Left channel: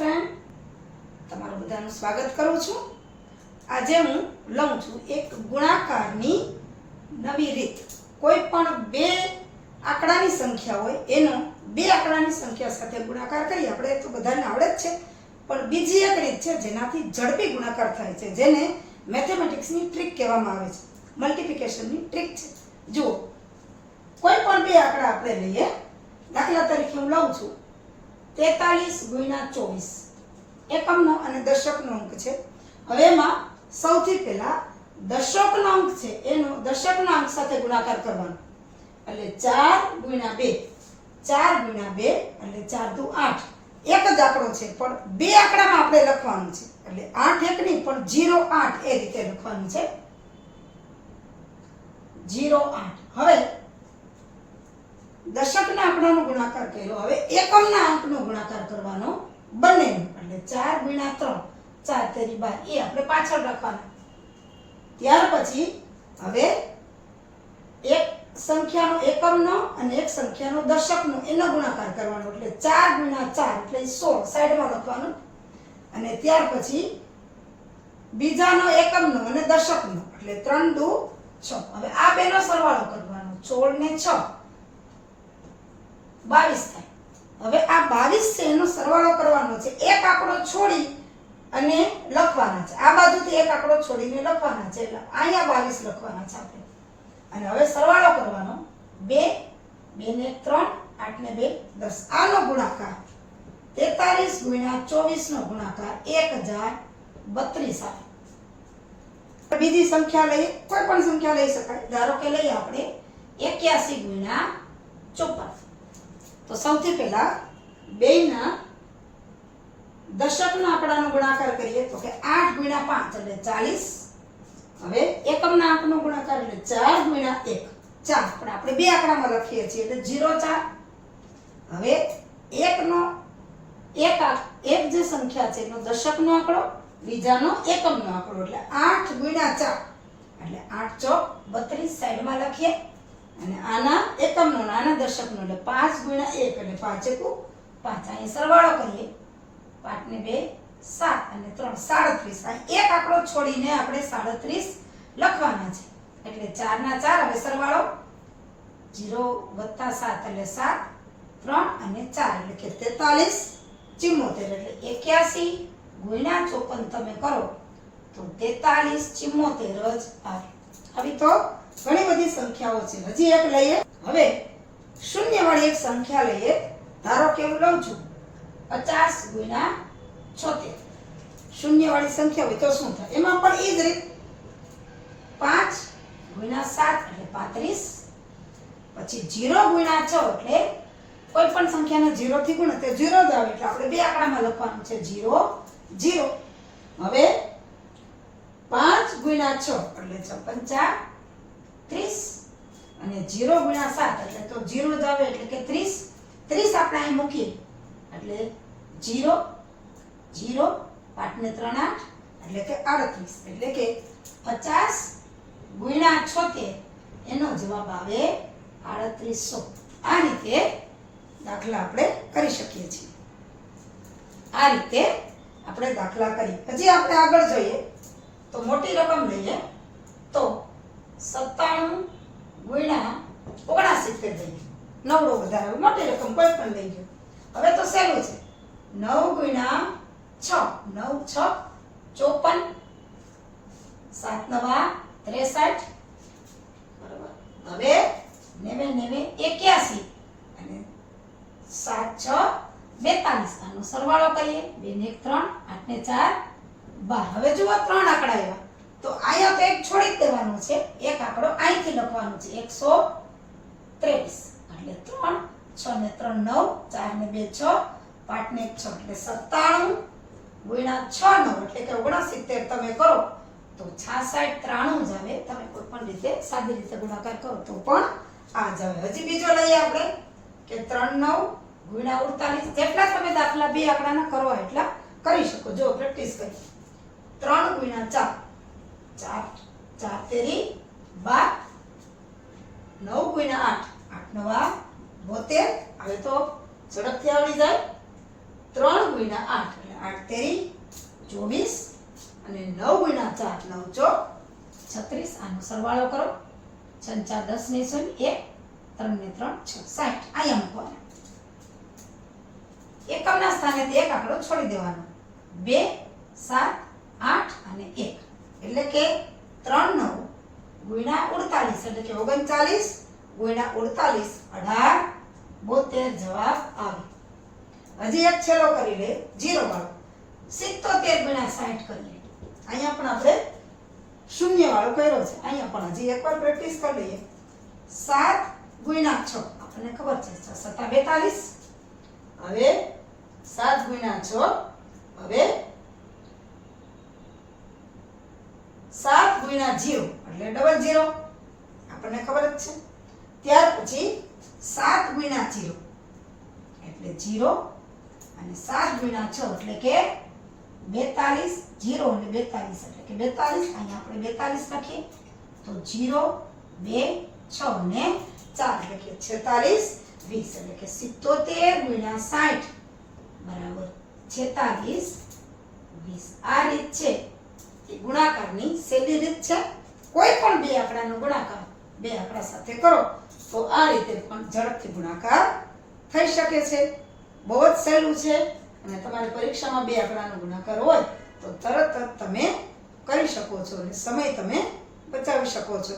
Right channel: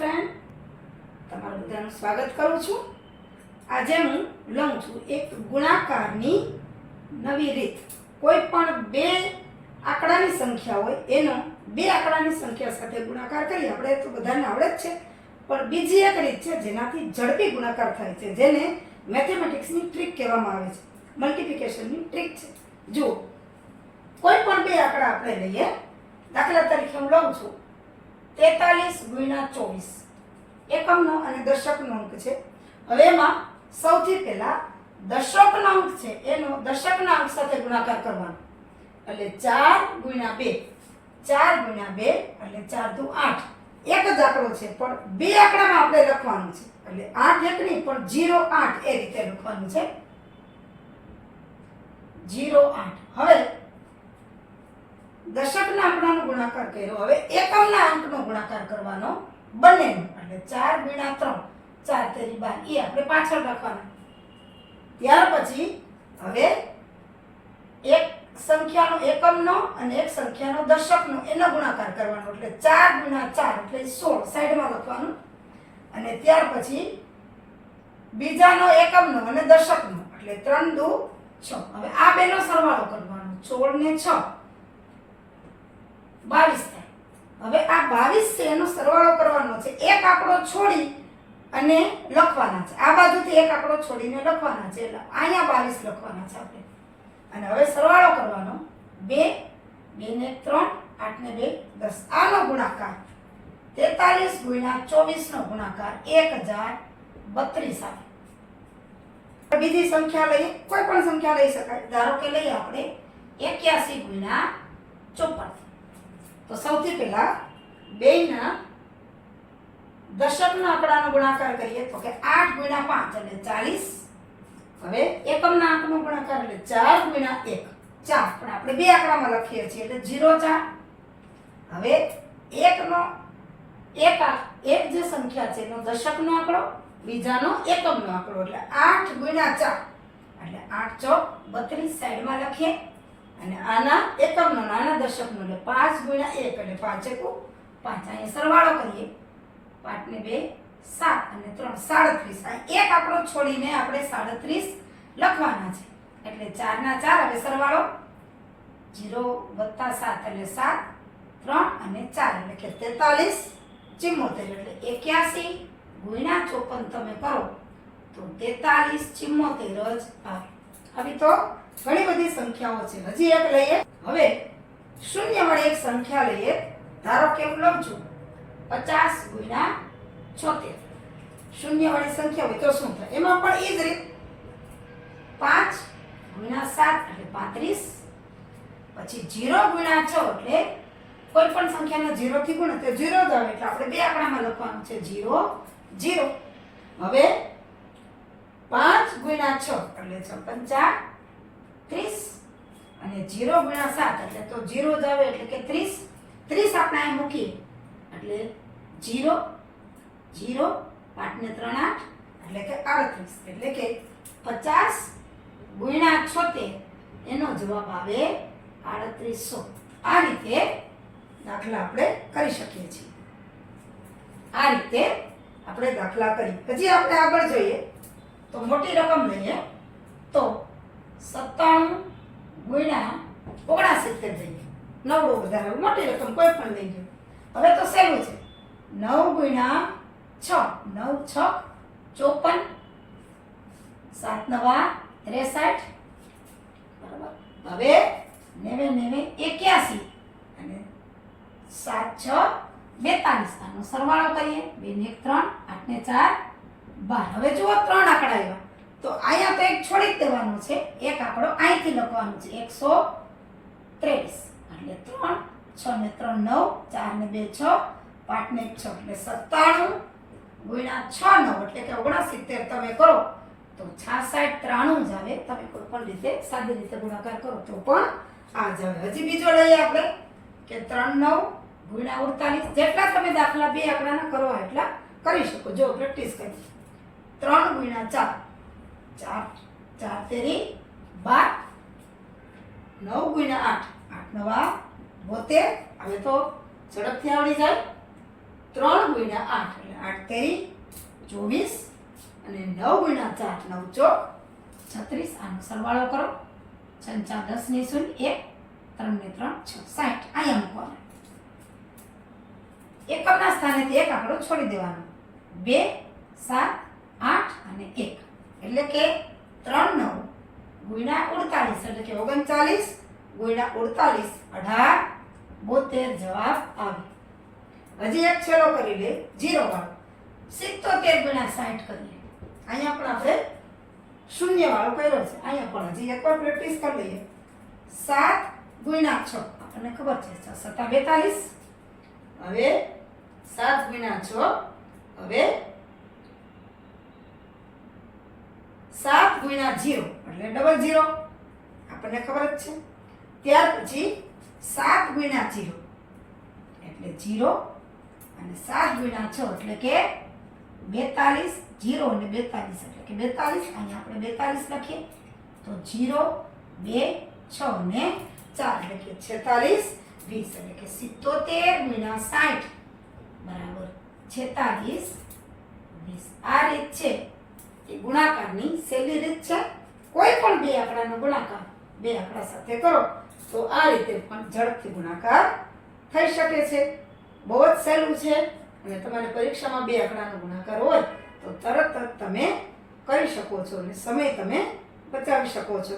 Friend, તમારું બધાનું સ્વાગત કરું છું. આજે હું લઉં છું એક ગુણાકારની નવી રીત. કોઈ પણ બે આંકડાની સંખ્યા હોય એનો બે આંકડાની સંખ્યા સાથે ગુણાકાર કરીએ. આપણે તો બધાને આવડે જ છે, પણ બીજી એક રીત છે જેનાથી ઝડપી ગુણાકાર થાય છે, જેને મેથેમેટિક્સની ટ્રીક કહેવામાં આવે છે. મલ્ટિપ્લિકેશનની ટ્રીક છે. જુઓ, કોઈ પણ બે આંકડા આપણે લઈએ. દાખલા તરીકે હું લઉં છું 43 × 24 એકમનો અને દશકનો અંક છે. હવે એમાં સૌથી પહેલા દશકનો અંક છે એનો દશકના અંક સાથે ગુણાકાર કરવાનો. એટલે 4 × 2 એટલે 4 દુ 8. એક જ આંકડો છે પણ બે આંકડામાં આપણે લખવાનું છે. એટલે 8 એક નહીં પણ 0 8 એ રીતે લખવાનું છે. 0 8. હવે દશકના આંકડાનો ગુણાકાર કર્યો. હવે એકમના અંકનો ગુણાકાર કરવાનો બંનેનો. એટલે 4 × 3 4 તેરી 12 એ આપણે પાછળ રાખવાના. ત્યાર પછી હવે એક સંખ્યાનો એકમનો અને એક સંખ્યાનો દશકનો એનો ગુણાકાર કરવાનો. એટલે 4 × 4 એટલે 16 સાઈડમાં લખવાનું. અને ત્યાર પછી બીજાનો એકમનો અને દશકનો એટલે 3 દુ 6. હવે આ બેનો સરવાળો કરવાનો. 16 ને 6 22 થાય. હવે આ 22 છે એનો સરવાળો કરવાનો છે. એક આંકડો છોડી અને લખવાના છે. આ બાજુથી એક આંકડો છોડીને લખવાના છે. એટલે અહીંયા 22 લખવાના છે આપણે. અને હવે સરવાળો કરવાનો. 2 2 ને 3 8 ને 2 10. આનો ગુણાકાર 43 × 24 નો ગુણાકાર 1032 આવે. બીજી સંખ્યા લઈએ. કોઈ પણ સંખ્યા લઈ શકાય. ધારો કે લઈએ આપણે 81 × 54. તો સૌથી પહેલા બેયના દશકના આંકડાનો ગુણાકાર કરીએ તો કે 8 × 5 એટલે 40. હવે એકમના આંકનો ગુણાકાર એટલે 4 × 1 4. પણ આપણે બે આંકડામાં લખીએ છીએ એટલે 0 4. હવે એક જે સંખ્યા છે એનો દશકનો આંકડો, બીજાનો એકમનો આંકડો એટલે 8 × 4 એટલે 8 ચોક 32 સાઈડમાં લખીએ. અને આના એકમનો આના દશકનો એટલે 5 × 1 એટલે 5 × 5. અહીંયા સરવાળો કરીએ. 5 ને 2 7 અને 3 37. આ એક આંકડો છોડીને આપણે 37 લખવાના છે. એટલે 4 ના 4. હવે સરવાળો 0 + 7 એટલે 7 3 અને 4 એટલે કે 43 74. એટલે 81 × 54 તમે કરો તો 43 74 જ આવે. હવે તો ઘણી બધી સંખ્યાઓ છે. હજી એક લઈએ. હવે શૂન્યવાળી એક સંખ્યા લઈએ. ધારો કે હું લઉં છું 50 × 76. શૂન્યવાળી સંખ્યા હોય તો શું થાય? એમાં પણ એ જ રીત 5 × 7 એટલે 35. પછી 0 × 6 એટલે કોઈ પણ સંખ્યાને 0 થી ગુણો તો 0 જ આવે. એટલે આપણે બે આંકડામાં લખવાનું છે 0 0. હવે 5 × 6 એટલે 55 30. અને 0 × 7 એટલે તો 0 જ આવે એટલે કે 30. 30 આપણે અહીં મૂકીએ એટલે 0 0 5 ને 3 8 એટલે કે 38. એટલે કે 50 × 76 એનો જવાબ આવે 3800. આ રીતે દાખલા આપણે કરી શકીએ છીએ. આ રીતે આપણે દાખલા કરી. હજી આપણે આગળ જોઈએ તો મોટી રકમ લઈએ તો 97 × 79 લઈએ. નવડો વધારે મોટી રકમ કોઈ પણ લઈ લો. હવે તો સહેલું છે. 9 × 6 9 6 54. 7 9 63. બરાબર. હવે 9 9 81 અને 7 6 42. આનો સરવાળો કરીએ. 2 ને 1 3 8 ને 4 12. હવે જુઓ 3 આંકડા આવ્યા તો અહીંયા તો એક છોડી જ દેવાનો છે. એક આંકડો અહીંથી લખવાનો છે 123. એટલે 3 6 ને 3 9 4 ને 2 6 5 ને 1 6 એટલે 97 × 6 9 એટલે કે 69 તમે કરો તો 66 93 જ આવે. તમે કોઈ પણ રીતે સાદી રીતે ગુણાકાર કરો તો પણ આ જ આવે. હજી બીજો લઈએ આપણે કે 3 9 × 48. જેટલા તમે દાખલા બે આંકડાના કરો એટલા કરી શકો. જો પ્રેક્ટિસ કરી. 3 × 4 4 4 તેરી 12. 9 × 8 8 9 72. હવે તો ઝડપથી આવડી જાય. 3 × 8 એટલે 8 તેરી 24 અને 9 ગુણ્યા 4 9 ચોક 36. આનો સરવાળો કરો. 6 4 10 ને 0 1 3 ને 3 6 60. અહીંયા મૂકવાના. એકમના સ્થાનેથી એક આંકડો છોડી દેવાનો. 2 7 8 અને 1 એટલે કે 3 9 ગુણ્યા 48 એટલે કે 39 ગુણ્યા 48 18 72 જવાબ આવે. હજી એક છેલ્લો કરી લે 0 વાળો. 77 ગુણ્યા 60 કરીએ. અહીંયા પણ આપણે શૂન્ય વાળો કર્યો છે. અહીંયા પણ હજી એકવાર પ્રેક્ટિસ કરી લઈએ. 7 ગુણ્યા 6 આપણને ખબર છે 6 7 42. હવે 7 ગુણ્યા 6 હવે 7 ગુણ્યા 0 એટલે ડબલ 0 આપણને ખબર જ છે. ત્યાર પછી 7 ગુણ્યા 0 એટલે 0 અને 7 ગુણ્યા 6 એટલે કે 42 0 અને 42 એટલે કે 42. અહીંયા આપણે 42 લખીએ તો 0 2 6 અને 4 એટલે કે 46 20 એટલે કે 77 ગુણ્યા 60 બરાબર 46 20. આ રીત છે એ ગુણાકારની સહેલી રીત છે. કોઈ પણ બે આંકડાનો ગુણાકાર બે આંકડા સાથે કરો તો આ રીતે પણ ઝડપથી ગુણાકાર થઈ શકે છે. બહુ જ સહેલું છે અને તમારી પરીક્ષામાં બે આંકડાનો ગુણાકાર હોય તો તરત જ તમે કરી શકો છો અને સમય તમે બચાવી શકો છો.